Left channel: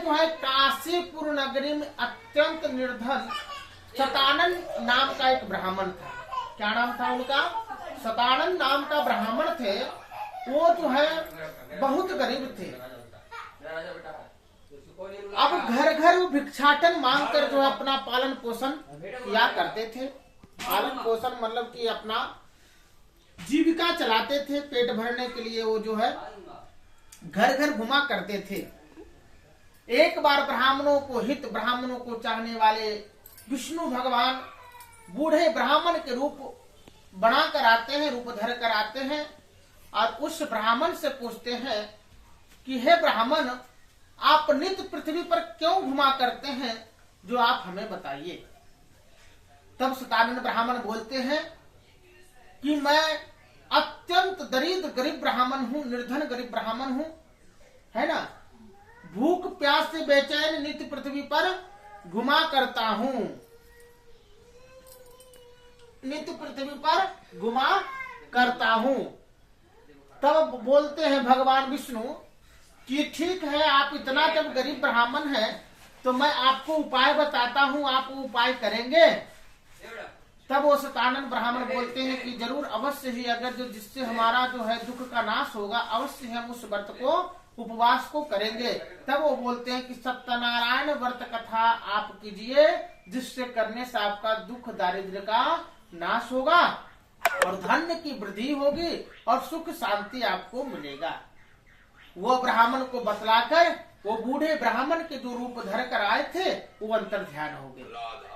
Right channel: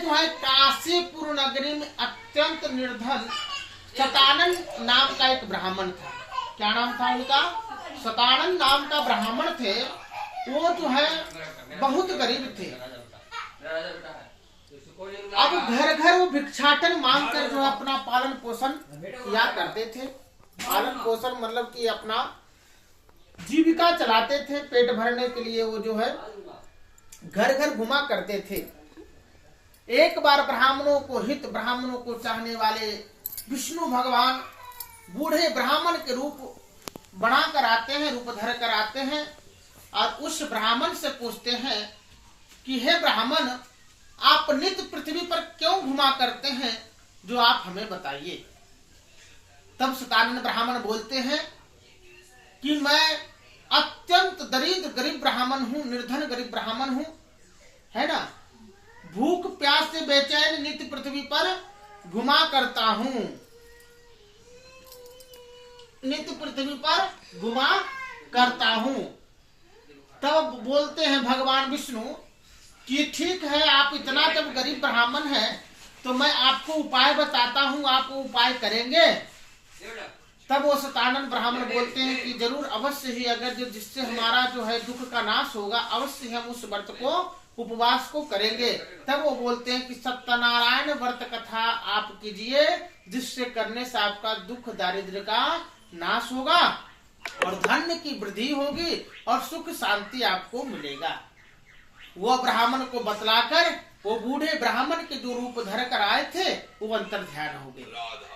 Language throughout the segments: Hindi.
जो है काशीपुर नगरी में अत्यंत निर्धन सतानन नाम का एक ब्राह्मण था। क्या नाम था उनका? सतानन नाम का ब्राह्मण थे। वो जो है बहुत गरीब थे। अब घर घर वो भिक्षाटन मांग कर जो अपना पालन पोषण किया करते थे। पालन पोषण मतलब कि अपना जीविका चलाते थे। पेट भरने के लिए वो जो है घर घर घुमा करते थे। एक बार ब्राह्मणों को हित, ब्राह्मणों को चाहने वाले विष्णु भगवान बूढ़े ब्राह्मण के रूप बना कर आते हैं, रूप धर कर आते हैं और उस ब्राह्मण से पूछते हैं कि हे ब्राह्मण, आप नित्य पृथ्वी पर क्यों घुमा करते हैं, जो आप हमें बताइए। तब सतानन ब्राह्मण बोलते हैं कि मैं अत्यंत दरिद्र गरीब ब्राह्मण हूं, निर्धन गरीब ब्राह्मण हूं, है ना। भूख प्यास से बेचैन नित्य पृथ्वी पर घुमा करता हूं, नित्य पृथ्वी पर घुमा करता हूं। तब बोलते हैं भगवान विष्णु कि ठीक है, आप इतना जब गरीब ब्राह्मण हैं तो मैं आपको उपाय बताता हूं, आप वो उपाय करेंगे। तब वो सतानन ब्राह्मण बोलते हैं कि जरूर, अवश्य ही, अगर जो जिससे हमारा जो है दुख का नाश होगा, अवश्य हम उस व्रत को, उपवास को करेंगे। तब वो बोलते हैं कि सत्यनारायण व्रत कथा आप कीजिए, जिससे करने से आपका दुख दारिद्र्य का नाश होगा और धन की वृद्धि होगी और सुख शांति आपको मिलेगा। वो ब्राह्मण को बतलाकर वो बूढ़े ब्राह्मण के जो रूप धर कर आए थे वो अंतर ध्यान हो गए।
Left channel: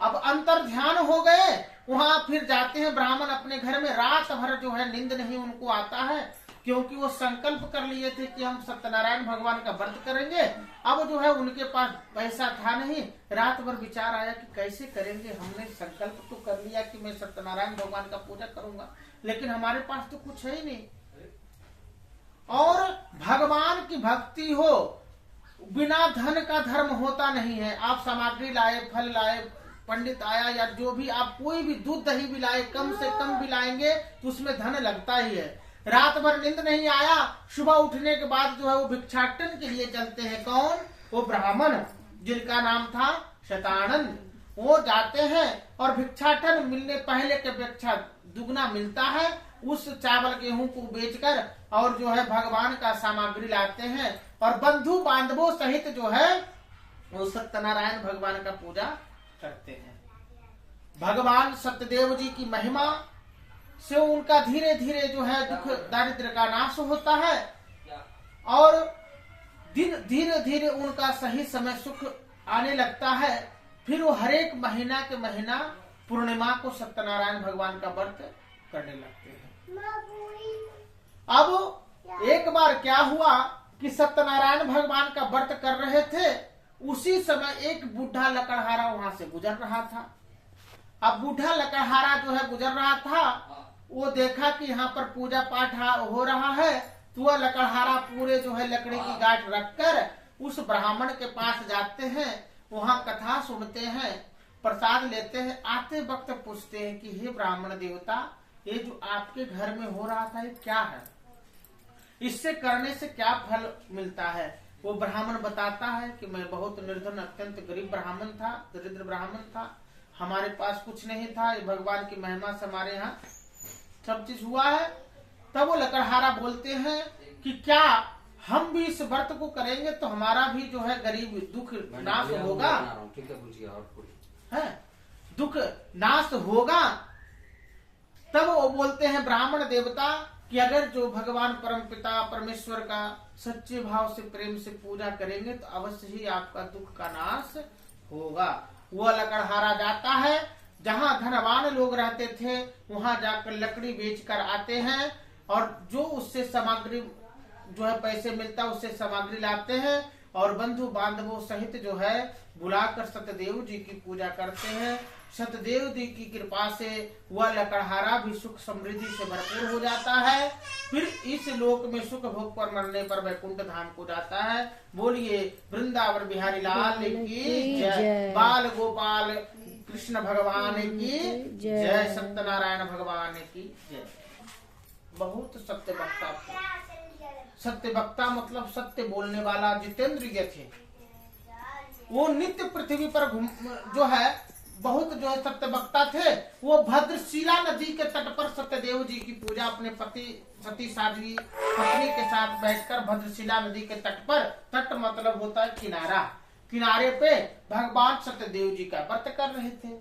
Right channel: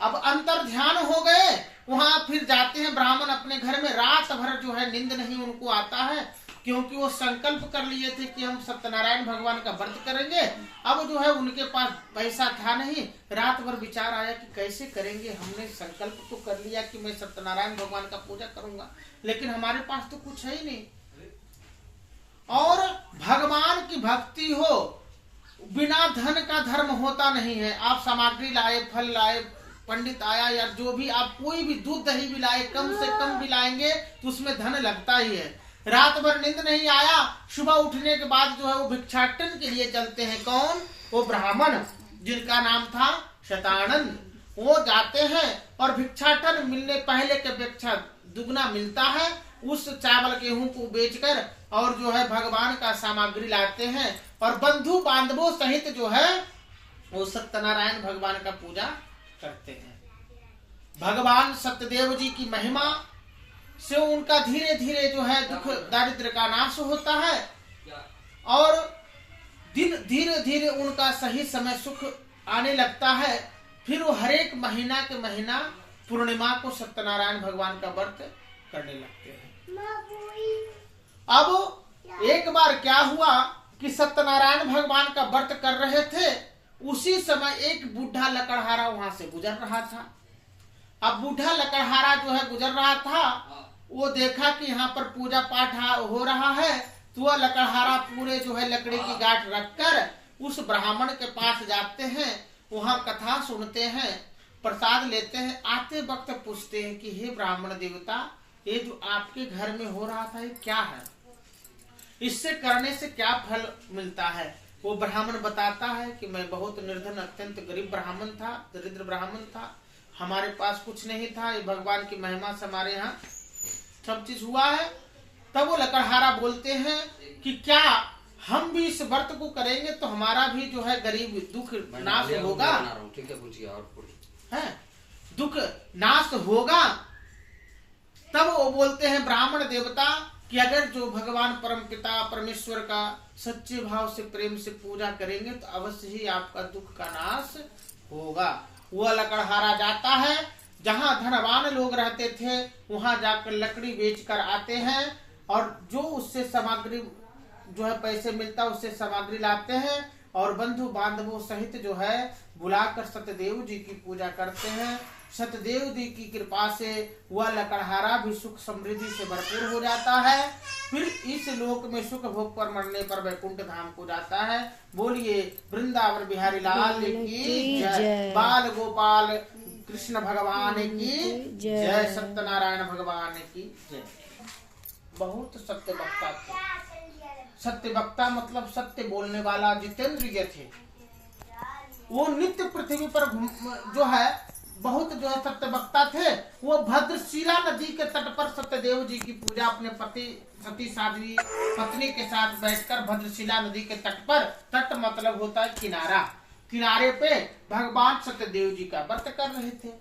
अब अंतर ध्यान हो गए, वहां फिर जाते हैं ब्राह्मण अपने घर में। रात भर जो है नींद नहीं उनको आता है, क्योंकि वो संकल्प कर लिए थे कि हम सत्यनारायण भगवान का व्रत करेंगे। अब जो है उनके पास पैसा था नहीं। रात भर विचार आया कि कैसे करेंगे, हमने संकल्प तो कर लिया कि मैं सत्यनारायण भगवान का पूजा करूंगा, लेकिन हमारे पास तो कुछ है ही नहीं। और भगवान की भक्ति हो, बिना धन का धर्म होता नहीं है। आप सामग्री लाए, फल लाए, पंडित आया या जो भी, आप कोई भी दूध दही भी लाए, कम से कम भी लाएंगे तो उसमें धन लगता ही है। रात भर नींद नहीं आया, सुबह उठने के बाद जो है वो भिक्षाटन के लिए चलते हैं। कौन? वो ब्राह्मण जिनका नाम था शतानन। वो जाते हैं और भिक्षाटन मिलने पहले के अपेक्षा दुगना मिलता है। उस चावल गेहूं को बेचकर और जो है भगवान का सामग्री लाते हैं और बंधु बांधवों सहित जो है वो सत्यनारायण भगवान का पूजा करते हैं। भगवान सत्यदेव जी की महिमा से उनका धीरे धीरे जो है दुख दारिद्र्य का नाश होता है और दिन धीरे धीरे उनका सही समय सुख आने लगता है। फिर वो हर एक महीना के महीना पूर्णिमा को सत्यनारायण भगवान का व्रत करने लगते हैं। अब एक बार क्या हुआ कि सत्यनारायण भगवान का व्रत कर रहे थे, उसी समय एक बूढ़ा लकड़हारा वहां से गुजर रहा था। अब बूढ़ा लकड़हारा जो है गुजर रहा था, वो देखा कि यहाँ पर पूजा पाठ हो रहा है, तो वह लकड़हारा पूरे जो है लकड़ी की गांठ रखकर उस ब्राह्मण के पास जाते हैं, वहां कथा सुनते हैं, प्रसाद लेते हैं। आते वक्त पूछते हैं कि हे ब्राह्मण देवता, ये जो आपके घर में हो रहा था ये क्या है, इससे करने से क्या फल मिलता है? वो ब्राह्मण बताता है कि मैं बहुत निर्धन अत्यंत गरीब ब्राह्मण था, दरिद्र ब्राह्मण था, हमारे पास कुछ नहीं था, ये भगवान की महिमा से हमारे यहाँ सब चीज हुआ है। तब वो लकड़हारा बोलते हैं कि क्या हम भी इस व्रत को करेंगे तो हमारा भी जो है गरीब दुख नाश होगा, है दुख नाश होगा। तब वो बोलते हैं ब्राह्मण देवता कि अगर जो भगवान परम पिता परमेश्वर का सच्चे भाव से प्रेम से पूजा करेंगे तो अवश्य ही आपका दुख का नाश होगा। वह लकड़हारा जाता है, जहां धनवान लोग रहते थे वहां जाकर लकड़ी बेचकर आते हैं और जो उससे सामग्री जो है पैसे मिलता है उससे सामग्री लाते हैं और बंधु बांधवों सहित जो है बुलाकर सत्यदेव जी की पूजा करते हैं। सत्यदेव जी की कृपा से वह लकड़हारा भी सुख समृद्धि से भरपूर हो जाता है। फिर इस लोक में सुख भोग पर मरने पर वैकुंठ धाम को जाता है। बोलिए वृंदावन बिहारी लाल की जय, बाल गोपाल कृष्ण भगवान की जय, सत्यनारायण भगवान की जय। बहुत सत्य वक्ता थे। सत्य वक्ता मतलब सत्य बोलने वाला जितेंद्रिय थे। वो नित्य पृथ्वी पर जो है बहुत जो है सत्यवक्ता थे। वो भद्रशिला नदी के तट पर सत्यदेव जी की पूजा अपने पति सती साध्वी पत्नी के साथ बैठकर भद्रशिला नदी के तट पर, तट मतलब होता है किनारा, किनारे पे भगवान सत्यदेव जी का व्रत कर रहे थे।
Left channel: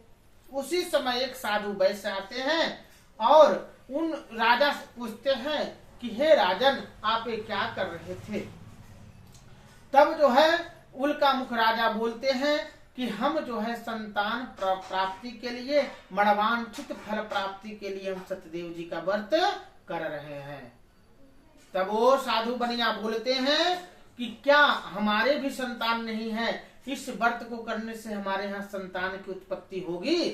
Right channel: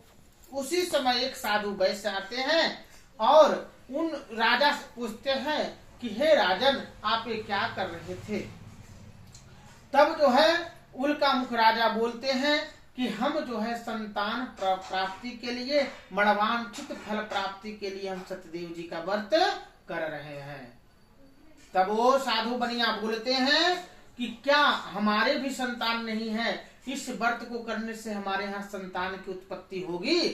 उसी समय एक साधु वैश्य आते हैं और उन राजा से पूछते हैं कि हे राजन, आप ये क्या कर रहे थे। तब जो है उल्का मुख राजा बोलते हैं कि हम जो है संतान प्राप्ति के लिए, मणवांछित फल प्राप्ति के लिए हम सत्यदेव जी का व्रत कर रहे हैं। तब वो साधु बनिया बोलते हैं कि क्या हमारे भी संतान नहीं है, इस व्रत को करने से हमारे यहाँ संतान की उत्पत्ति होगी।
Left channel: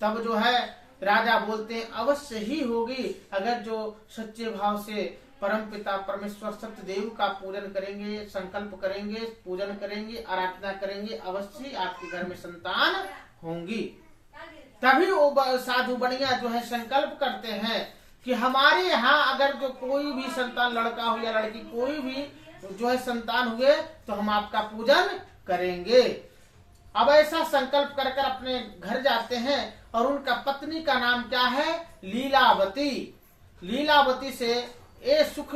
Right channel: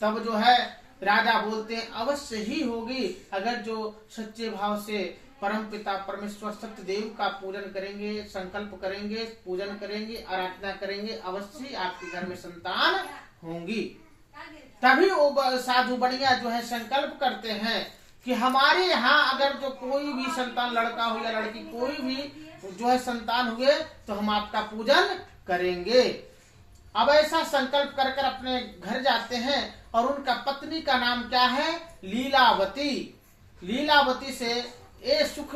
तब जो है राजा बोलते हैं अवश्य ही होगी, अगर जो सच्चे भाव से परम पिता परमेश्वर सत्यदेव का पूजन करेंगे, संकल्प करेंगे, पूजन करेंगे, आराधना करेंगे, अवश्य आपके घर में संतान होंगी। तभी वो साधु बनिया जो है संकल्प करते हैं कि हमारे यहाँ अगर जो कोई भी संतान, लड़का हो या लड़की, कोई भी जो है संतान हुए तो हम आपका पूजन करेंगे। अब ऐसा संकल्प कर कर अपने घर जाते हैं और उनका पत्नी का नाम क्या है, लीलावती। लीलावती से ये सुख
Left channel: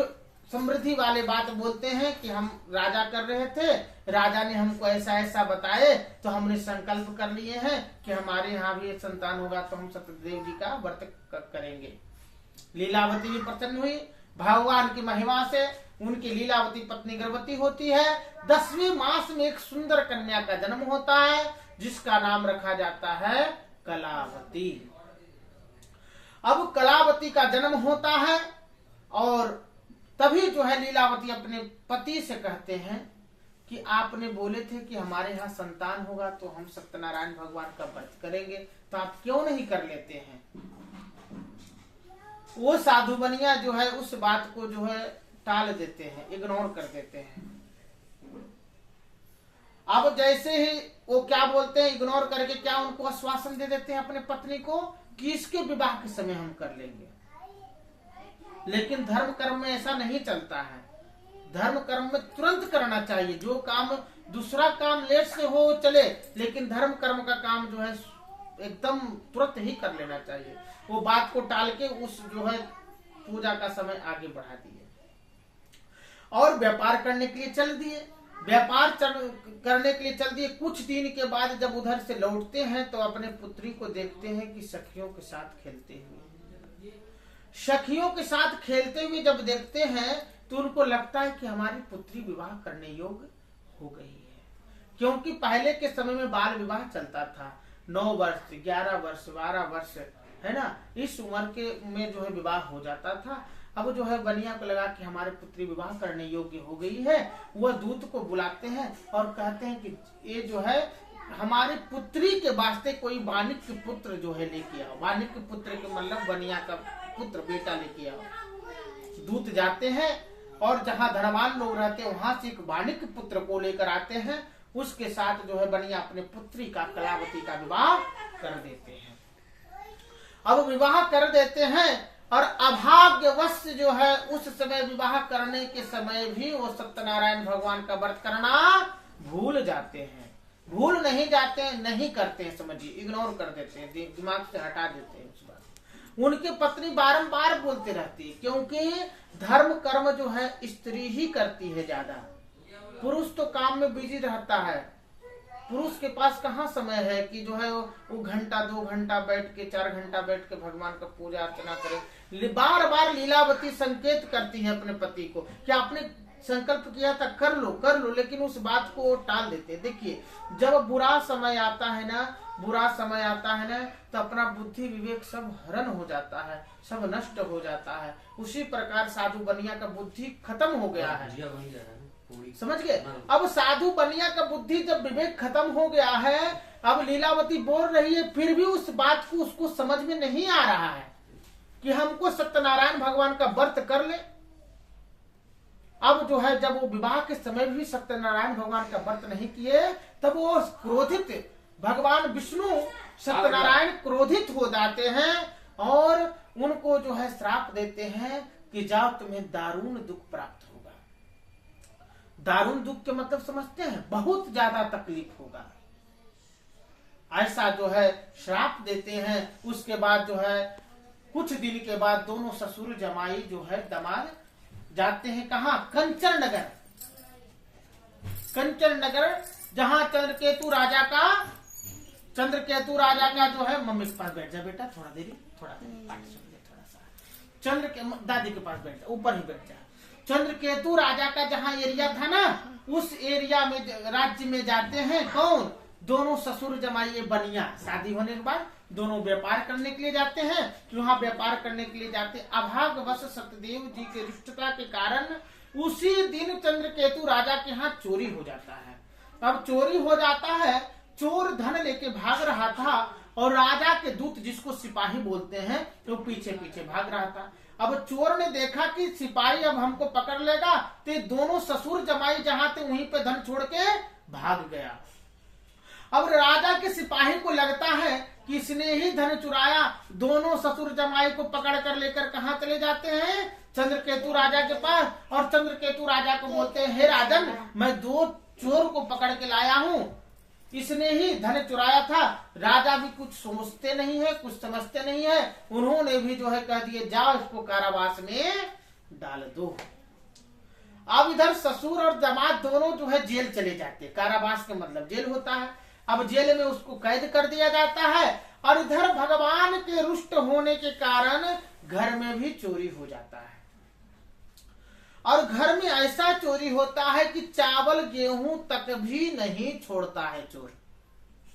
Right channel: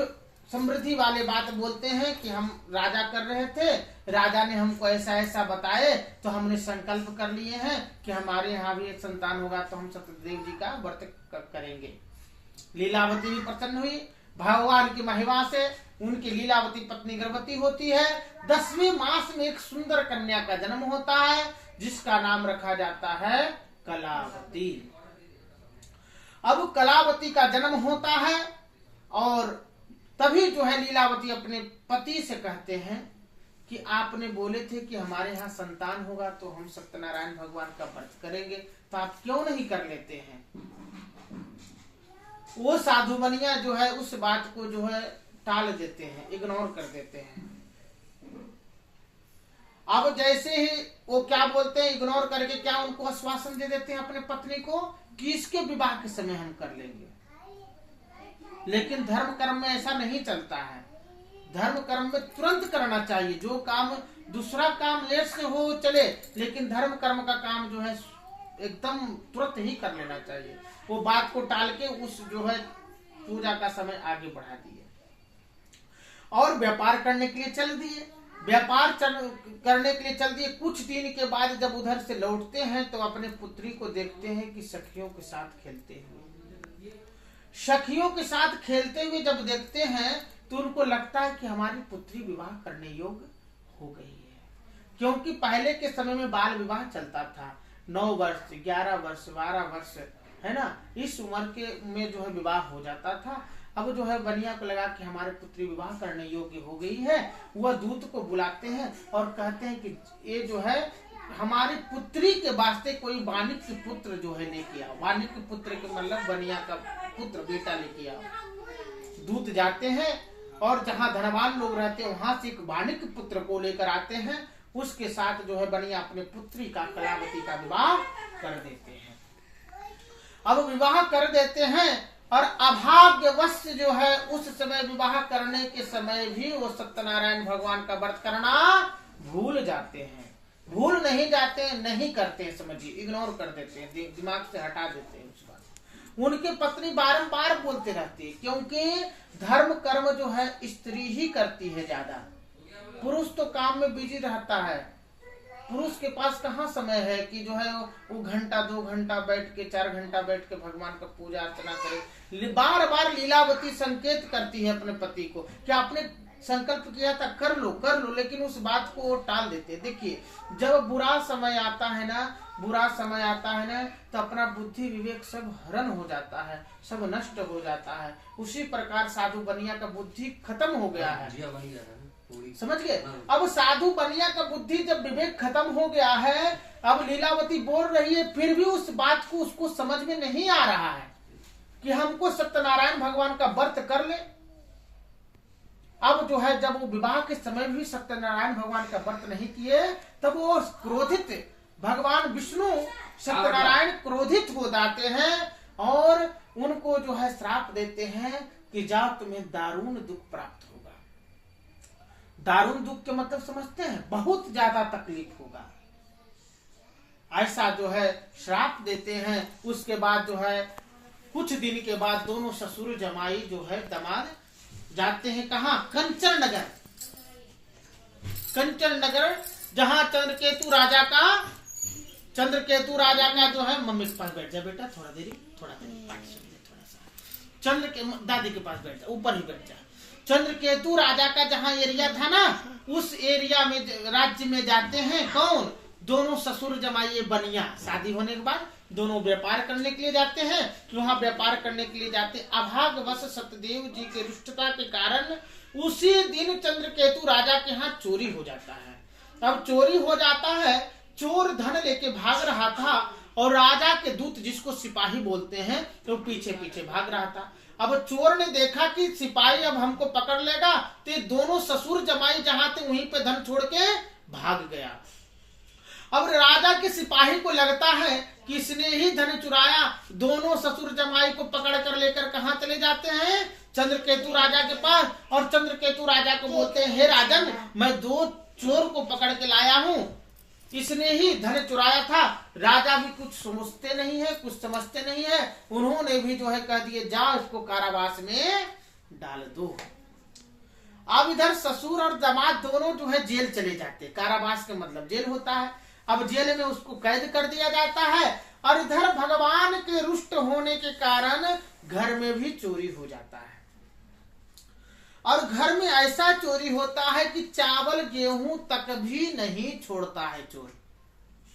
समृद्धि वाले बात बोलते हैं कि हम राजा कर रहे थे, राजा ने हमको ऐसा ऐसा बताए तो हमने संकल्प कर लिए हैं कि हमारे यहाँ भी एक संतान होगा तो हम सत्यदेव जी का व्रत करेंगे। लीलावती भी प्रसन्न हुई। भगवान की महिमा से उनकी लीलावती पत्नी गर्भवती होती है। 10वें मास में एक सुंदर कन्या का जन्म होता है जिसका नाम रखा जाता है कलावती। अब कलावती का जन्म होता है और तभी जो है लीलावती अपने पति से कहते हैं कि आपने बोले थे कि हमारे यहाँ संतान होगा तो हम सत्यनारायण भगवान का व्रत करेंगे, तो आप क्यों नहीं कर लेते हैं। वो साधु बनिया जो है उस बात को जो है टाल देते हैं, इग्नोर कर देते हैं। अब जैसे ही वो क्या बोलते हैं, इग्नोर करके क्या उनको आश्वासन दे देते हैं अपने पत्नी को कि इसके विवाह के समय हम कर लेंगे। लेकिन धर्म कर्म में ऐसा नहीं चलता है। धर्म कर्म में तुरंत करना चाहिए। जो काम दूसरा काम लेट से हो चले, लेकिन धर्म कर्म का काम जो है एकदम तुरंत ही कर लेना चाहिए। वो बात को टाल के उस जो है पूजा का समय आगे बढ़ा दिए और व्यापार करने के लिए चल दिए। व्यापार करने के लिए चल दिए। कुछ दिन के बाद जब उधर से लौटते हैं तो अपने पुत्री को देखते हैं कि सखियों के साथ खेलते हुए, सखियों के साथ खेलते हुए जब देखते हैं तो उनको लगता है कि हमारी पुत्री विवाह करने योग्य हो गई है। क्योंकि पहले के समय में बाल विवाह चलता था। 9 वर्ष, 11 वर्ष, 12 वर्ष, है ना, इस उम्र के में जो है विवाह हो जाता था। अब जो है बनिया को लगा कि हमारे पुत्री विवाह करने योग्य हो गई है। वह दूत को बुलाते हैं और कहते हैं कि ये जो है हमारी पुत्री के वास्ते कोई वानिक के पुत्र जो है लेके आओ। वानिक के पुत्र के मतलब बनिया का पुत्र, बेटा लेके आओ। दूत जाते हैं और जहाँ धनवान लोग रहते हैं वहां से एक वानिक के पुत्र को लेकर आते हैं। उसके साथ जो है बनिया अपने पुत्री का, कलावती का विवाह कर देते हैं। अब विवाह कर देते हैं और अभाग्यवश जो है उस समय विवाह करने के समय भी वो सत्यनारायण भगवान का व्रत करना भूल जाते हैं। भूल नहीं जाते हैं, नहीं करते हैं, समझिए, इग्नोर कर देते हैं, दिमाग से हटा देते हैं उस बात। उनकी पत्नी बारंबार बोलते रहती है क्योंकि धर्म कर्म जो है स्त्री ही करती है ज्यादा। पुरुष तो काम में बिजी रहता है। पुरुष के पास कहाँ समय है कि जो है वो घंटा 2 घंटा बैठ के, 4 घंटा बैठ के भगवान का पूजा अर्चना करे। बार बार लीलावती संकेत करती है अपने पति को कि आपने संकल्प किया था, कर लो, लेकिन उस बात को वो टाल देते। देखिए, जब बुरा समय आता है ना तो अपना बुद्धि विवेक सब हरण हो जाता है, सब नष्ट हो जाता है। उसी प्रकार साधु बनिया का बुद्धि खत्म हो गया है, समझ गए। अब साधु बनिया का बुद्धि जब विवेक खत्म हो गया है, अब लीलावती बोल रही है, फिर भी उस बात को उसको समझ में नहीं आ रहा है कि हमको सत्यनारायण भगवान का व्रत कर ले। अब जो है जब वो विवाह के समय भी सत्यनारायण भगवान का व्रत नहीं किए, तब वो क्रोधित, भगवान विष्णु सत्यनारायण क्रोधित हो जाते हैं और उनको जो है श्राप देते हैं कि जाओ तुम्हें दारुण दुख प्राप्त होगा। दारुण दुख के मतलब समझते हैं, बहुत ज्यादा तकलीफ होगा। ऐसा जो है श्राप देते हैं। उसके बाद जो है कुछ दिन के बाद दोनों ससुर जमाई जो है दामाद जाते हैं कहाँ? कंचन नगर। कंचन नगर जहाँ चंद्रकेतु राजा का जो है, मम्मी के पास बैठ जा बेटा, थोड़ा देरी पाठ सुन ले थोड़ा सा। चंद्र के दादी के पास बैठ जा, ऊपर ही बैठ जा। चंद्रकेतु राजा का जहाँ एरिया था ना, उस एरिया में राज्य में जाते हैं कौन? दोनों ससुर जमाई बनिया। शादी होने के बाद दोनों व्यापार करने के लिए जाते हैं। वहाँ व्यापार करने के लिए जाते, अभाग्यवश सत्यदेव जी के रुष्टता के कारण उसी दिन चंद्रकेतु राजा के यहाँ चोरी हो जाता है। अब चोरी हो जाता है, चोर धन लेके भाग रहा था और राजा के दूत, जिसको सिपाही बोलते हैं, तो पीछे पीछे भाग रहा था। अब चोर ने देखा कि सिपाही अब हमको पकड़ लेगा, तो दोनों ससुर जमाई जहां थे वहीं पे धन छोड़ के भाग गया। अब राजा के सिपाही को लगता है कि इसने ही धन चुराया। दोनों ससुर जमाई को पकड़ कर लेकर कहाँ चले जाते हैं? चंद्रकेतु राजा के पास। और चंद्रकेतु राजा को बोलते हैं, हे राजन, मैं 2 चोर को पकड़ के लाया हूँ, इसने ही धन चुराया था। राजा भी कुछ सोचते नहीं है, कुछ समझते नहीं है। उन्होंने भी जो है कह दिए, जाओ इसको कारावास में डाल दो। अब इधर ससुर और दामाद दोनों जो है जेल चले जाते। कारावास का मतलब जेल होता है। अब जेल में उसको कैद कर दिया जाता है। और इधर भगवान के रुष्ट होने के कारण घर में भी चोरी हो जाता है। और घर में ऐसा चोरी होता है कि चावल गेहूं तक भी नहीं छोड़ता है चोर,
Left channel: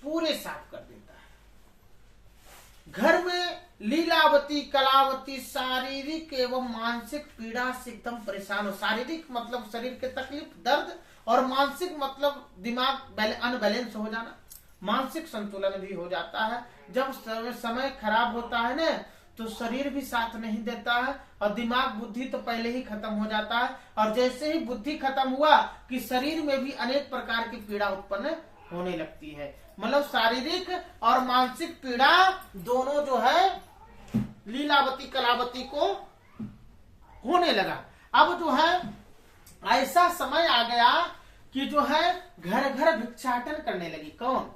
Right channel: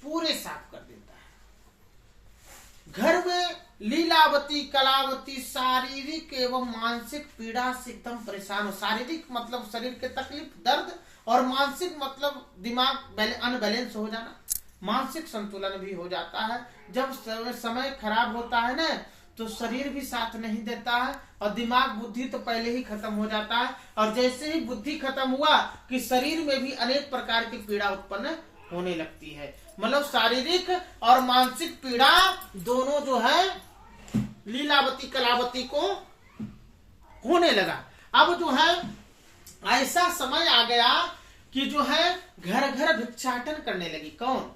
पूरे साफ कर देता है। घर में लीलावती कलावती शारीरिक एवं मानसिक पीड़ा से एकदम परेशान हो। शारीरिक मतलब शरीर के तकलीफ दर्द, और मानसिक मतलब दिमाग अनबैलेंस हो जाना, मानसिक संतुलन भी हो जाता है। जब समय खराब होता है ना, तो शरीर भी साथ नहीं देता है और दिमाग बुद्धि तो पहले ही खत्म हो जाता है। और जैसे ही बुद्धि खत्म हुआ कि शरीर में भी अनेक प्रकार की पीड़ा उत्पन्न होने लगती है। मतलब शारीरिक और मानसिक पीड़ा दोनों जो है लीलावती कलावती को होने लगा। अब जो है ऐसा समय आ गया कि जो है घर घर भिक्षाटन करने लगी। कौन?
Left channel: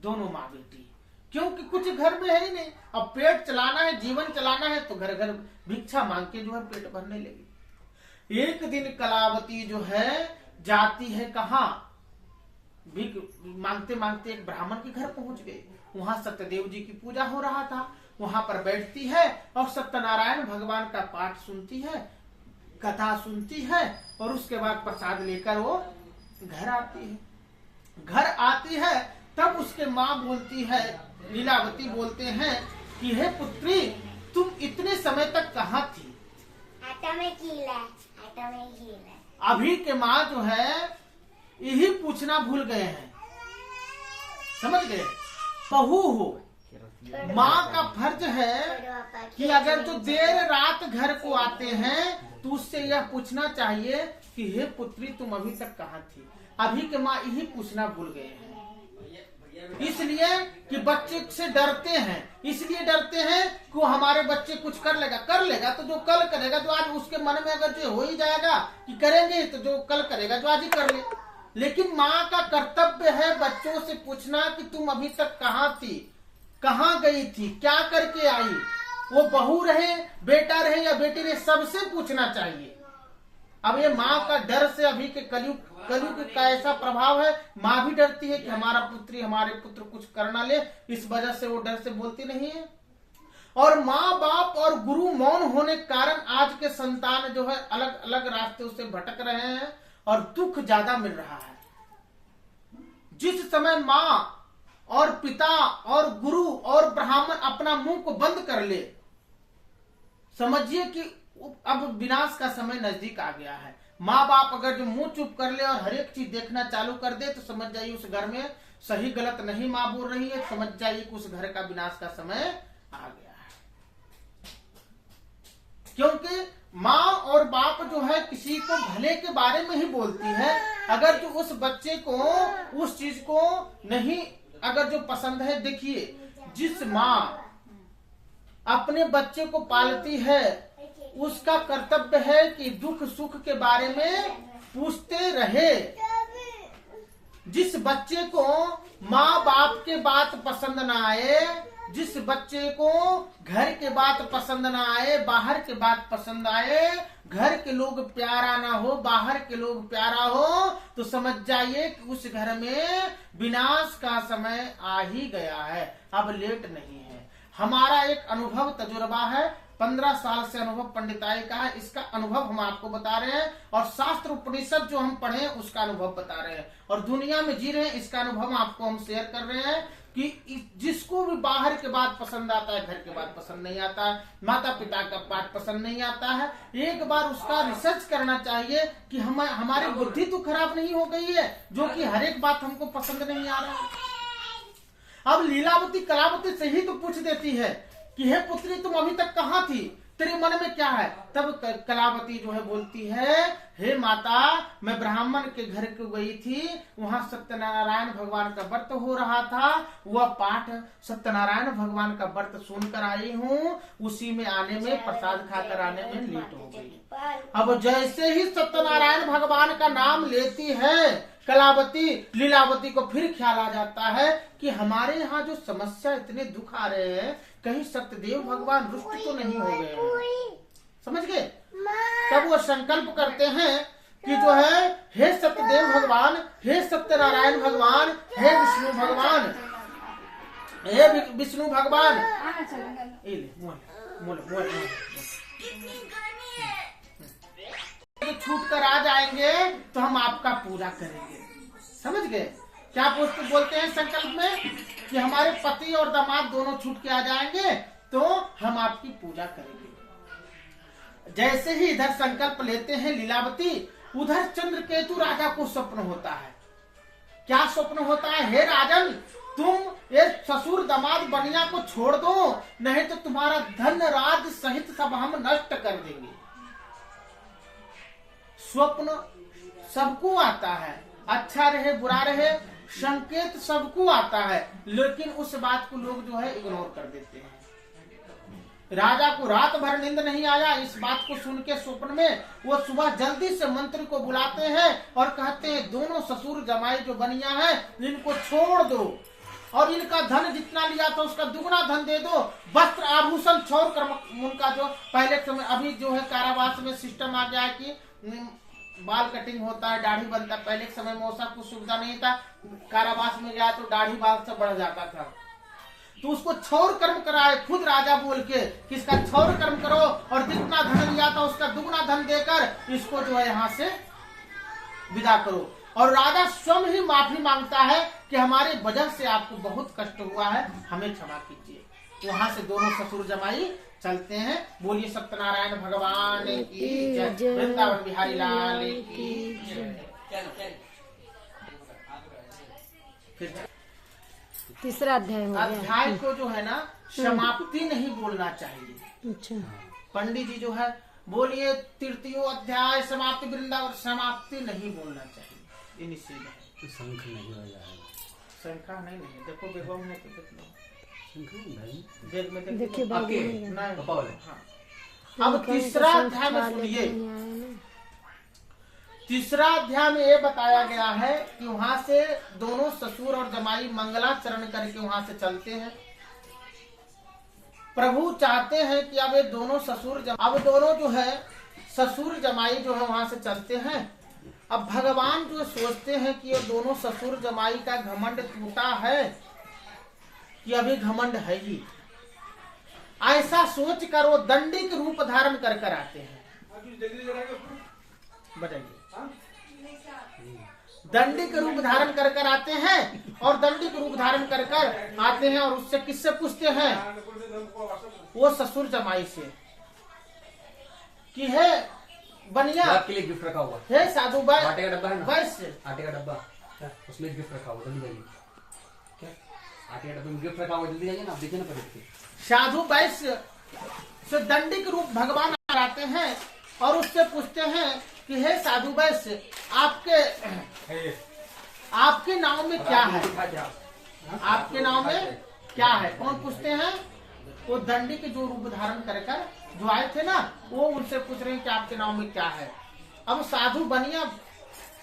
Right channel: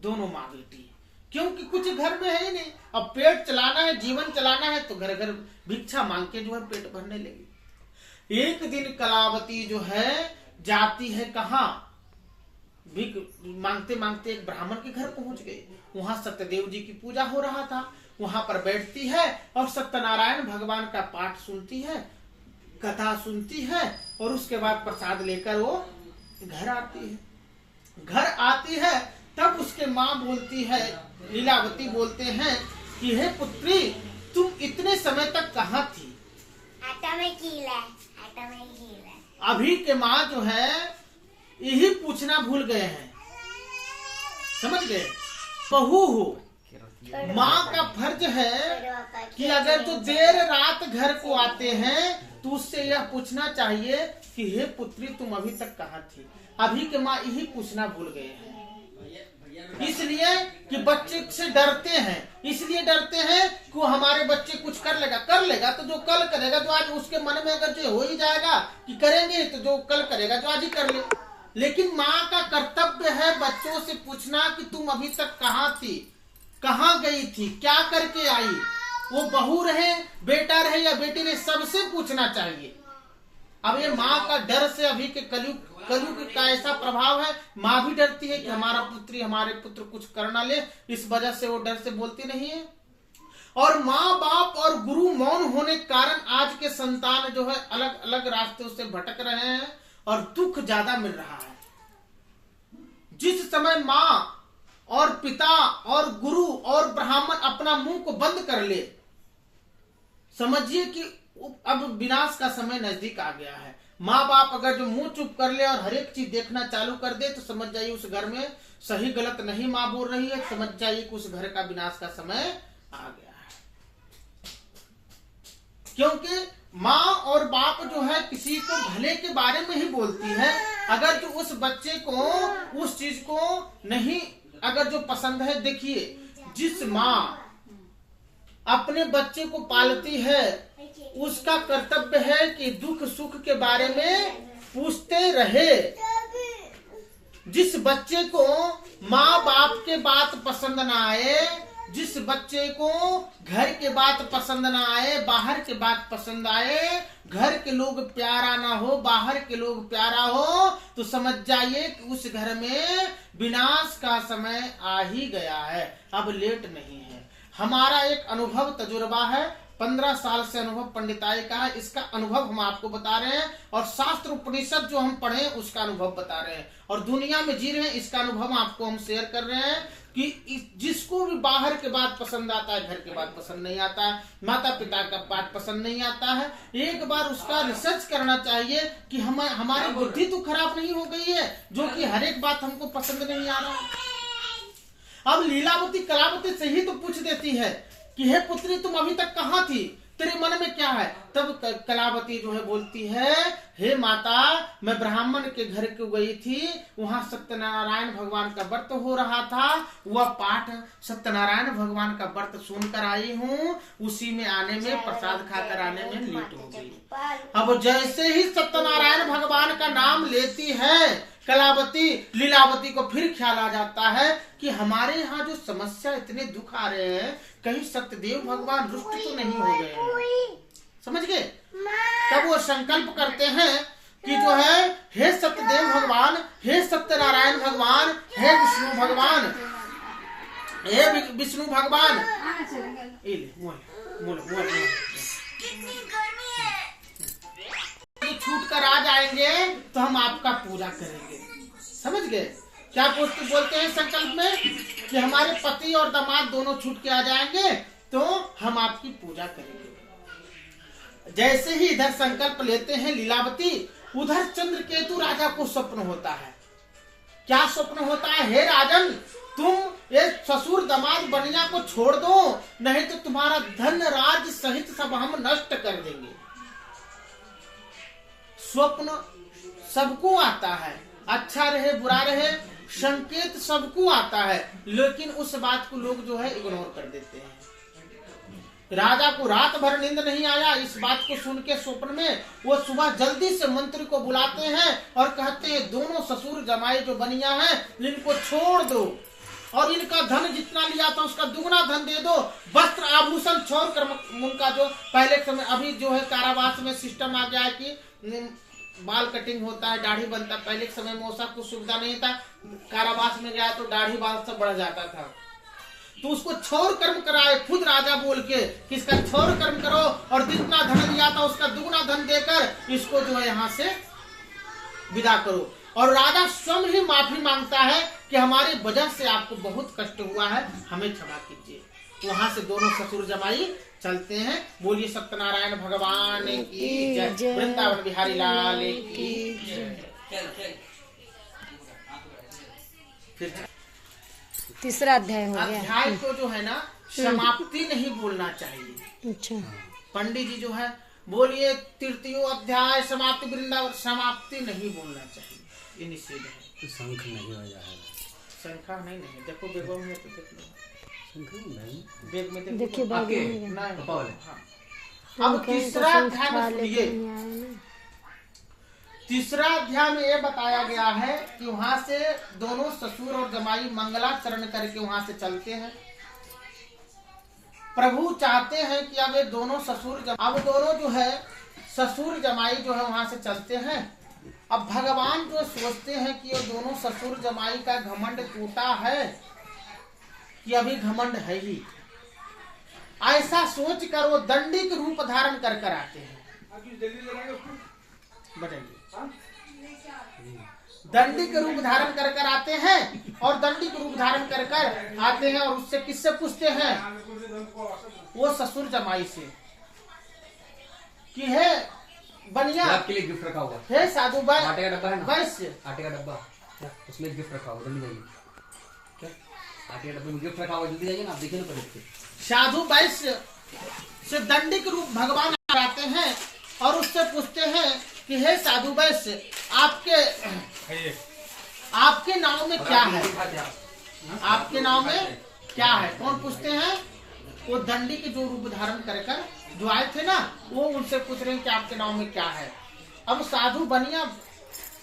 दोनों माँ बेटी। क्योंकि कुछ घर में है ही नहीं, अब पेट चलाना है, जीवन चलाना है, तो घर घर भिक्षा मांग के जो है पेट भरने लगी। एक दिन कलावती जो है जाती है कहाँ? भिख मांगते मांगते एक ब्राह्मण के घर पहुंच गई। वहां सत्यदेव जी की पूजा हो रहा था। वहां पर बैठती है और सत्यनारायण भगवान का पाठ सुनती है, कथा सुनती है, और उसके बाद प्रसाद लेकर वो घर आती है। घर आती है तब उसके माँ बोलती है, लीलावती बोलते हैं कि हे पुत्री, तुम इतने समय तक कहाँ थी? आटा में कीला। अभी के माँ जो है यही पूछना भूल गए हैं, समझ गए? बहू हो, माँ का फर्ज है कि अगर जो देर रात घर को आते हैं तो उससे यह पूछना चाहिए कि हे पुत्री, तुम अभी तक कहाँ थी? अभी के माँ यही पूछना भूल गए हैं। इसलिए कि बच्चे से डरते हैं, इसलिए डरते हैं कि वो हमारे बच्चे कुछ कर लेगा तो जो कल करेगा, जो आज उसके मन में अगर जो हो ही जाएगा कि करेंगे, तो जो कल करेगा जो आज ही कर ले। लेकिन माँ का कर्तव्य है बच्चों से पूछना कि तुम अभी तक कहाँ थी, कहाँ गई थी, क्या करके आई। वो बहू रहे, बेटा रहे या बेटी रहे, सबसे पूछना चाहिए। अब ये माँ का डर से अभी के कलयुग का ऐसा प्रभाव है, माँ भी डरती है कि हमारा हमारे पुत्र कुछ कर ना ले, इस वजह से वो डर से बोलती नहीं है। और माँ बाप और गुरु मौन होने के कारण आज के संतान जो है अलग अलग रास्तों से भटक रहे हैं और दुख ज्यादा मिल रहा है। जिस समय माँ और पिता और गुरु और ब्राह्मण अपना मुंह को बंद कर ले, समझिए कि अब विनाश का समय नजदीक आ गया है। माँ बाप अगर जो मुंह चुप कर ले और हर एक चीज देखना चालू कर दे, तो समझ जाइए उस घर में सही गलत नहीं माँ बोल रही है, समझ जाइए कि उस घर का विनाश का समय आ गया है। क्योंकि माँ और बाप जो है किसी को भले के बारे में ही बोलती है। अगर जो उस बच्चे को उस चीज को नहीं अगर जो पसंद है, देखिए जिस माँ अपने बच्चे को पालती है उसका कर्तव्य है कि दुख सुख के बारे में पूछते रहे। जिस बच्चे को माँ बाप के बात पसंद ना आए, जिस बच्चे को घर के बात पसंद ना आए, बाहर के बात पसंद आए, घर के लोग प्यारा ना हो, बाहर के लोग प्यारा हो, तो समझ जाइए कि उस घर में विनाश का समय आ ही गया है, अब लेट नहीं है। हमारा एक अनुभव तजुर्बा है, 15 साल से अनुभव पंडिताई का है, इसका अनुभव हम आपको बता रहे हैं, और शास्त्र उपनिषद जो हम पढ़े उसका अनुभव बता रहे हैं, और दुनिया में जी रहे हैं इसका अनुभव आपको हम शेयर कर रहे हैं कि जिसको भी बाहर के बात पसंद आता है, घर के बात पसंद नहीं आता है, माता पिता का बात पसंद नहीं आता है, एक बार उसका रिसर्च करना चाहिए कि हमारी बुद्धि तो खराब नहीं हो गई है जो कि हर एक बात हमको पसंद नहीं आ रहा। अब लीलावती कलावती से ही तो पूछ देती है कि हे पुत्री तुम अभी तक कहाँ थी, तेरे मन में क्या है। तब कलावती जो है बोलती है, हे माता मैं ब्राह्मण के घर को गई थी, वहां सत्यनारायण भगवान का व्रत हो रहा था, वह पाठ सत्यनारायण भगवान का व्रत सुनकर आई हूँ, उसी में आने में प्रसाद खाकर आने में लेट हो गई। अब जैसे ही सत्यनारायण भगवान का नाम लेती है कलावती, लीलावती को फिर ख्याल आ जाता है कि हमारे यहाँ जो समस्या इतने दुख आ रहे हैं, कहीं सत्यदेव भगवान रुष्ट तो नहीं हो गए, समझ गए। तब वो संकल्प करते हैं कि जो है हे सत्यदेव भगवान, हे सत्यनारायण भगवान, हे विष्णु भगवान, हे विष्णु भगवान, छूट कर आ जाएंगे तो हम आपका पूजा करेंगे। समझ गए क्या बोलते हैं संकल्प में कि हमारे पति और दामाद दोनों छूट के आ जाएंगे तो हम आपकी पूजा करेंगे। जैसे ही इधर संकल्प लेते हैं लीलावती, उधर चंद्रकेतु राजा को स्वप्न होता है। क्या स्वप्न होता है, हे राजन तुम ये ससुर दामाद बनिया को छोड़ दो, नहीं तो तुम्हारा धन राज सहित सब हम नष्ट कर देंगे। स्वप्न सबको आता है, अच्छा रहे बुरा रहे, संकेत सबको आता है, लेकिन उस बात को लोग जो है इग्नोर कर देते हैं। राजा को रात भर नींद नहीं आया, इस बात को सुन के स्वप्न में वो सुबह जल्दी से मंत्री को बुलाते हैं और कहते हैं दोनों ससुर जमाई जो बनिया है इनको छोड़ दो और इनका धन जितना लिया था उसका दुगना धन दे दो, वस्त्र आभूषण छोड़ कर उनका जो पहले समय, अभी जो है कारावास में सिस्टम आ गया है कि बाल कटिंग होता है, दाढ़ी बनता है। पहले के समय में ऐसा कुछ सुविधा नहीं था, कारावास में गया तो दाढ़ी बाल सब बढ़ जाता था, तो उसको क्षौर कर्म कराए खुद राजा बोल के कि इसका क्षौर कर्म करो और जितना धन लिया था उसका दुगना धन देकर इसको जो है यहाँ से विदा करो। और राजा स्वयं ही माफी मांगता है कि हमारे वजह से आपको बहुत कष्ट हुआ है, हमें क्षमा कीजिए। वहां से दोनों ससुर जमाई चलते हैं। बोलिए सत्यनारायण भगवान की जय, वृंदावन बिहारी लाल की जय। फिर तीसरा अध्याय हो गया। अध्याय को जो है ना समाप्ति नहीं बोलना चाहिए। अच्छा, पंडित जी जो है बोलिए तृतीय अध्याय समाप्ति, वृंदावन समाप्ति नहीं बोलना चाहिए, ये निषेध है। शंख नहीं हो जाएगा, शंखा नहीं नहीं, देखो बेगम में तो देख लो, शंख में देखिए अब तीसरा अध्याय में सुनिए। तीसरा अध्याय में ये बताया गया है कि वहां से दोनों ससुर और जमाई मंगलाचरण करके वहां से चलते हैं। प्रभु चाहते हैं कि अब ये दोनों अब दोनों जो है ससुर जमाई जो है वहां से चलते हैं। अब भगवान जो सोचते हैं कि ये दोनों ससुर जमाई का घमंड टूटा है कि अभी घमंड है ही, ऐसा सोच कर वो दंडी के रूप धारण कर कर आते हैं। बताइए, दंडी के रूप धारण कर कर आते हैं और दंडी के रूप धारण कर कर आते हैं और उससे किससे पूछते हैं, वो ससुर जमाई से कि है बनिया आपके लिए गिफ्ट रखा हुआ है, साधु भाई आटे का डब्बा है ना, बस आटे का डब्बा उसमें गिफ्ट रखा हुआ, जल्दी जाइए, क्या आटे का डब्बे में गिफ्ट रखा हुआ, जल्दी जाइए ना, आप देखिए ना पहले। साधु वैश्य से दंडी के रूप भगवान आते हैं और उससे पूछते हैं कि हे साधु वैश्य आपके नाम में क्या है, आपके नाम में क्या है। कौन पूछते हैं, वो दंडी के जो रूप धारण कर जो आए थे ना, वो उनसे पूछ रहे हैं कि आपके नाम में क्या है। अब साधु बनिया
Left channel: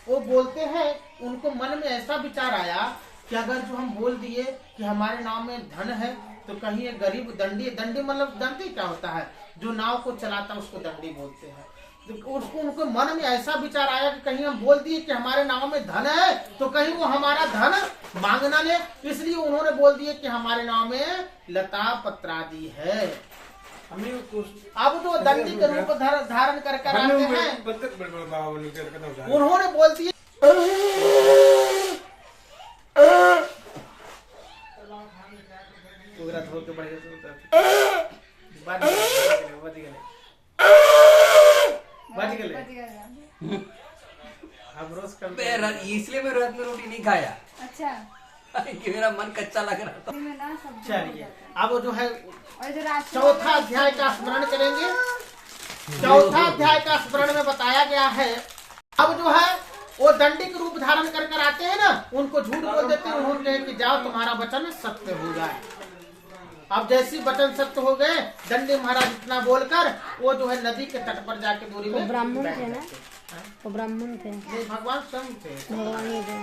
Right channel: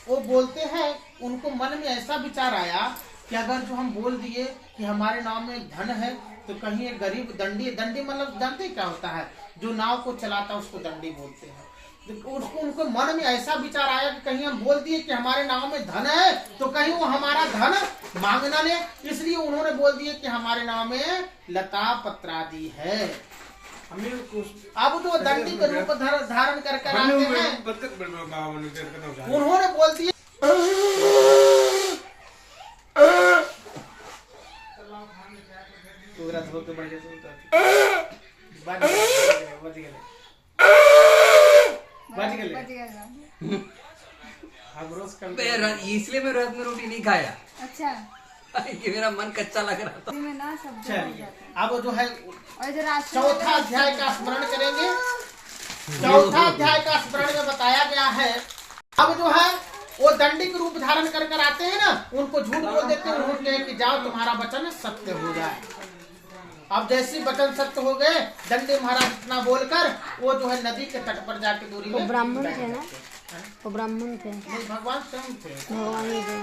वो बोलते हैं, उनको मन में ऐसा विचार आया कि अगर जो हम बोल दिए कि हमारे नाम में धन है, तो कहीं एक गरीब दंडी, दंडी मतलब दंडी क्या होता है, जो नाव को चलाता है उसको दंडी बोलते हैं। तो उसको उनके मन में ऐसा विचार आया कि कहीं हम बोल दिए कि हमारे नाम में धन है, तो कहीं वो हमारा धन मांगना ले, इसलिए उन्होंने बोल दिए कि हमारे नाम में लता पत्रादि है। अब तो दंडी का रूप धारण कर आते हैं, उन्होंने बोल दिया इसलिए मैं रात में रोटी नहीं खाया। अच्छा, कि मेरा मन कच्चा लग रहा था। चलिए अब जो है और इधर आज चौथा अध्याय का स्मरण करेंगे। चौथा अध्याय का स्मरण में बताया गया है, अब जो है वो दंडी के रूप धारण कर आते हैं ना, उनको झूठ बोल देते हैं, उन्होंने कहा कि जाओ तुम्हारा वचन सत्य हो जाए। अब जैसी वचन सत्य हो गए, दंडी महाराज इतना बोलकर वो जो है नदी के तट पर जाके दूरी में ब्राह्मण थे ना, वो ब्राह्मण थे, नहीं भगवान स्वयं थे, भगवान ही थे।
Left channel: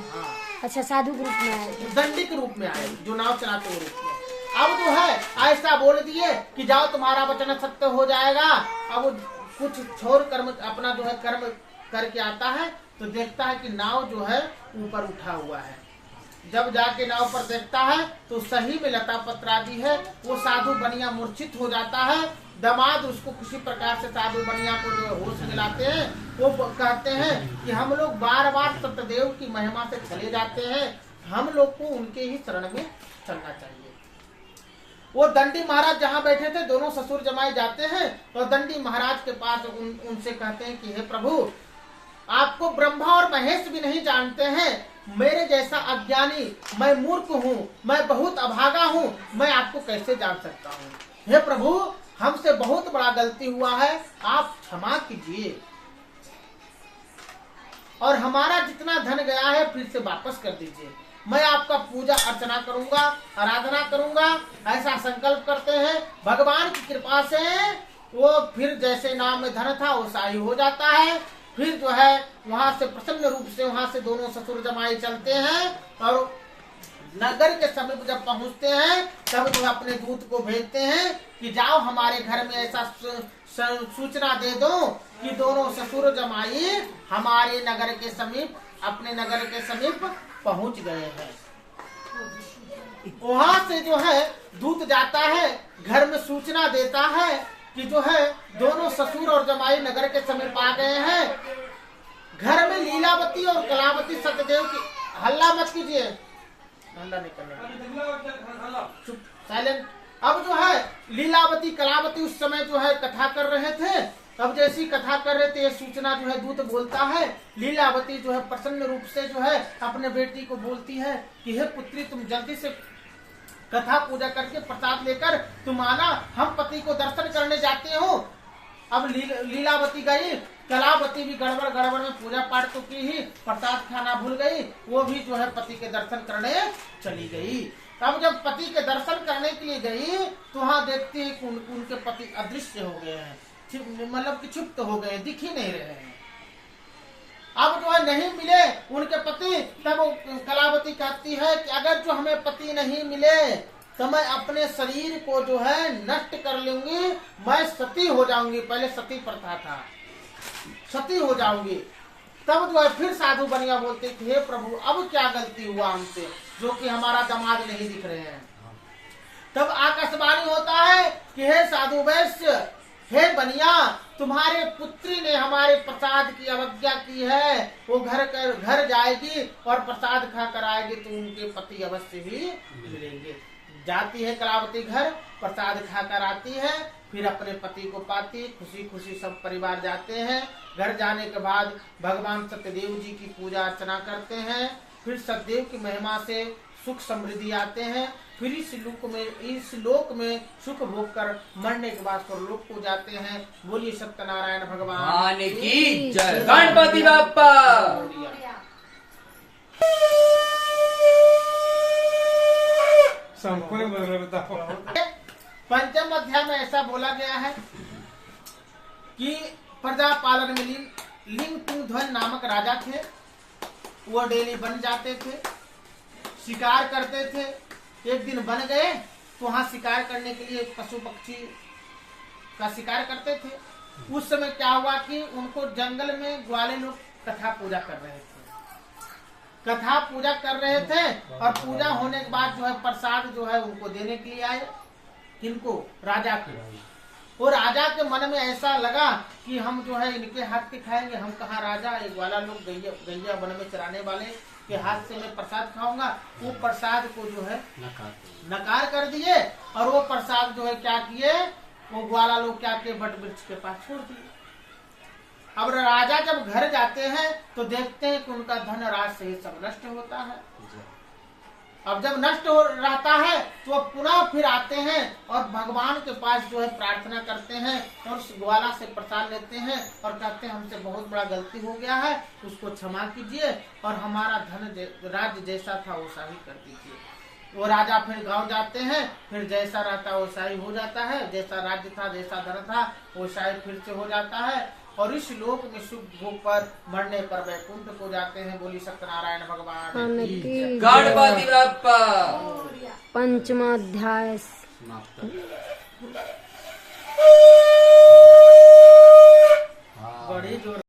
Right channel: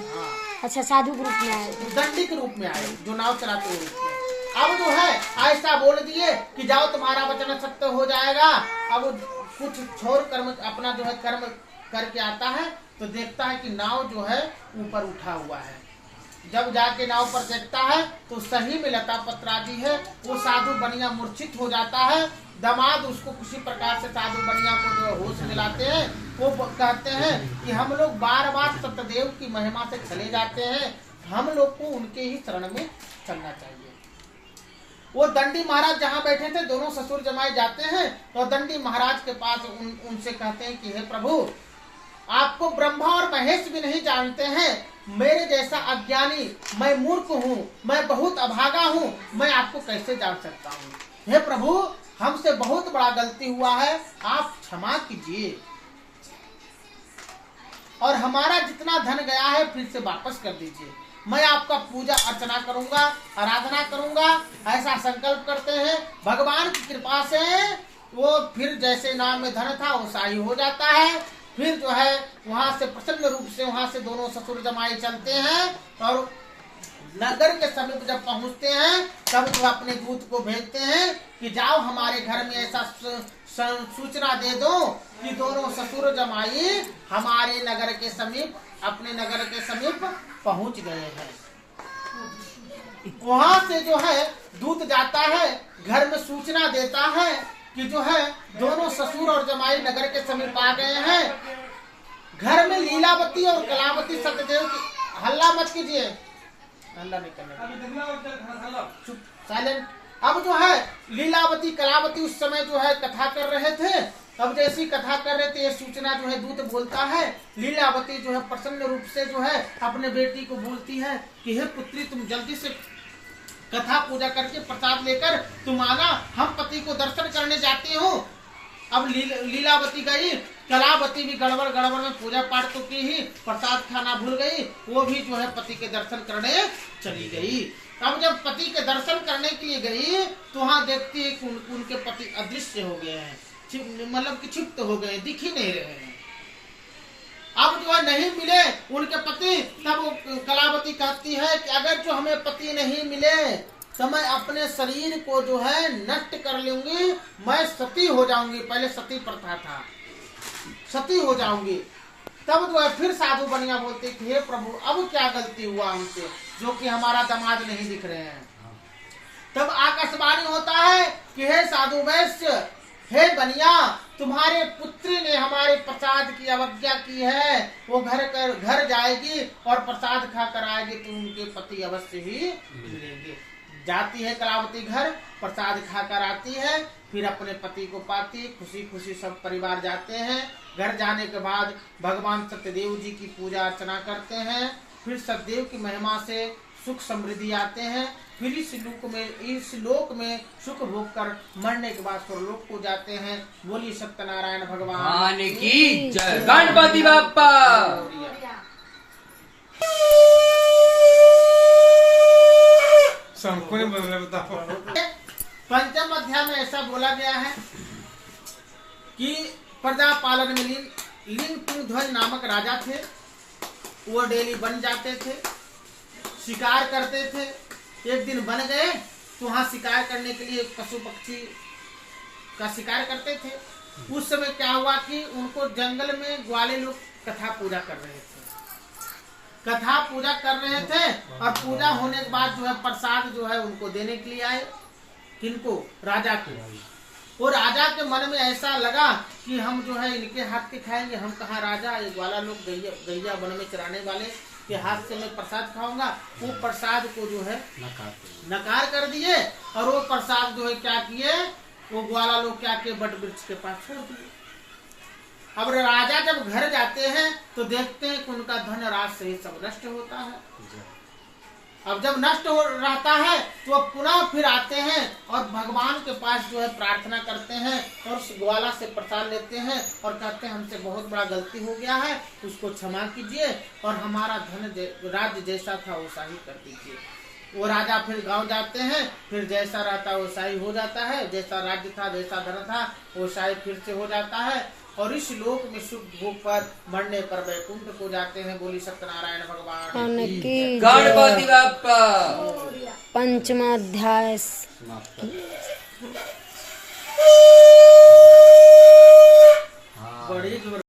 अच्छा, साधु के रूप में आए थे, दंडी के रूप में आए, जो नाव चलाते हुए रूप में। अब जो है ऐसा बोल दिए कि जाओ तुम्हारा वचन सत्य हो जाएगा। अब कुछ छोड़ कर्म अपना जो है कर्म करके आता है, तो देखता है कि नाव जो है ऊपर उठा हुआ है। जब जाके नाव पर देखता है तो सही में लता पत्रादि है। वो साधु बनिया मूर्छित हो जाता है। दामाद उसको किसी प्रकार से साधु बनिया को जो होश दिलाते हैं। वो कहते हैं कि हम लोग बार बार सत्यदेव की महिमा से चले जाते हैं, हम लोग को उनके ही शरण में चलना चाहिए। वो दंडी महाराज जहाँ बैठे थे, दोनों ससुर जमाए जाते हैं, तो दंडी महाराज के पास उनसे कहते हैं कि हे प्रभु, आपको ब्रह्मा और महेश भी नहीं जानते हैं, मेरे जैसा अज्ञानी, मैं मूर्ख हूँ, मैं बहुत अभागा हूँ, मैं आपको कैसे जान सकता हूँ। हे प्रभु, हमसे बहुत बड़ा गलती हुआ है, आप क्षमा कीजिए और हमारा जितना धन गया है फिर से वापस कर दीजिए। मैं आपका पूजा अर्चना करूंगा, आराधना करूंगा, ऐसा संकल्प करते हैं। भगवान की कृपा से वो फिर जैसे नाम में धन था वो साई हो जाता है। फिर जो है वहां से प्रसन्न रूप से वहां से दोनों ससुर जमाई चलते हैं और नगर के समीप जब पहुंचते हैं, तब जो अपने दूत को भेजते हैं कि जाओ हमारे घर में ऐसा सूचना दे दो कि दोनों ससुर जमाई हमारे नगर के समीप, अपने नगर के समीप पहुंच गए हैं। वहां से जो है दूत जाता है, घर में सूचना देता है कि जो है दोनों ससुर और जमाई नगर के समीप आ गए हैं। घर में लीलावती और कलावती सत्यदेव की, हल्ला मत कीजिए, हल्ला नहीं करना, चुप, साइलेंट। अब जो है लीलावती कलावती उस समय जो है कथा कर रहे थे। अब जैसी कथा कर रहे थे, ये सूचना जो है दूत बोलता है। लीलावती जो है प्रसन्न रूप से जो है अपने बेटी को बोलती है कि हे पुत्री, तुम जल्दी से कथा पूजा करके प्रसाद लेकर तुम आना, हम पति को दर्शन करने जाते हो। अब लीलावती गई, कलावती भी गड़बड़ गड़बड़ में पूजा पाठ तो की ही, प्रसाद खाना भूल गई, वो भी जो है पति के दर्शन करने चली गई। अब जब पति के दर्शन करने के लिए गई तो वहाँ देखती है कि उनके पति अदृश्य हो गए हैं, मतलब कि क्षिप्त हो गए, दिख ही नहीं रहे हैं। अब जो है नहीं मिले उनके पति, तब कलावती कहती है कि अगर जो हमें पति नहीं मिले तो मैं अपने शरीर को जो है नष्ट कर लूंगी, मैं सती हो जाऊंगी। पहले सती प्रथा था, सती हो जाऊंगी। तब जो है फिर साधु बनिया बोलते कि हे प्रभु, अब क्या गलती हुआ हमसे जो कि हमारा दामाद नहीं दिख रहे हैं। तब आकाशवाणी होता है कि हे साधु वैश्य, हे बनिया, तुम्हारे पुत्री ने हमारे प्रसाद की अवज्ञा की है, वो घर जाएगी और प्रसाद खा कर आएगी तो उनके पति अवश्य ही मिलेंगे। जाती है कलावती घर, प्रसाद खाकर आती है, फिर अपने पति को पाती, खुशी खुशी सब परिवार जाते हैं। घर जाने के बाद भगवान सत्यदेव जी की पूजा अर्चना करते हैं। फिर सत्यदेव की महिमा से सुख समृद्धि आते हैं। फिर इस लोक में सुख भोग कर मरने के बाद स्वर्गलोक को जाते हैं। बोलिए सत्यनारायण भगवान की जय। गणपति बाप्पा। पंचम अध्याय में ऐसा बोला गया है कि प्रजा पालन में लिंग तुंग ध्वज नामक राजा थे। वो डेली बन जाते थे, शिकार करते थे। एक दिन बन गए तो वहां शिकार करने के लिए पशु पक्षी का शिकार करते थे। उस समय क्या हुआ कि उनको जंगल में ग्वाले लोग कथा पूजा कर रहे थे, कथा पूजा कर रहे थे। और पूजा होने के बाद जो है प्रसाद जो है उनको देने के लिए आए, किनको? राजा को। और राजा के मन में ऐसा लगा कि हम जो है इनके हाथ के खाएंगे, हम कहाँ राजा, ये ग्वाला लोग गैया वन में चराने वाले के हाथ से मैं प्रसाद खाऊंगा। वो प्रसाद को जो है नकार कर दिए। और वो प्रसाद जो है क्या किए, वो ग्वाला लोग क्या किए, बट वृक्ष के पास छोड़ दिए। अब राजा जब घर जाते हैं तो देखते हैं कि उनका धन राज से सब नष्ट होता है। अब जब नष्ट हो रहता है तो अब पुनः फिर आते हैं और भगवान के पास जो है प्रार्थना करते हैं और उस ग्वाला से प्रसाद लेते हैं और कहते हैं हमसे बहुत बड़ा गलती हो गया है, उसको क्षमा कीजिए और हमारा धन राज्य जैसा था वैसा ही कर दीजिए। वो राजा फिर गांव जाते हैं, फिर जैसा रहता वैसा ही हो जाता है, जैसा राज्य था जैसा धन था वैसा ही फिर से हो जाता है। और इस लोक में सुख भोग पर मरने पर वैकुंठ को जाते हैं। बोली सत्यनारायण भगवान की गणपति बप्पा। पंचमा अध्याय बड़ी जोर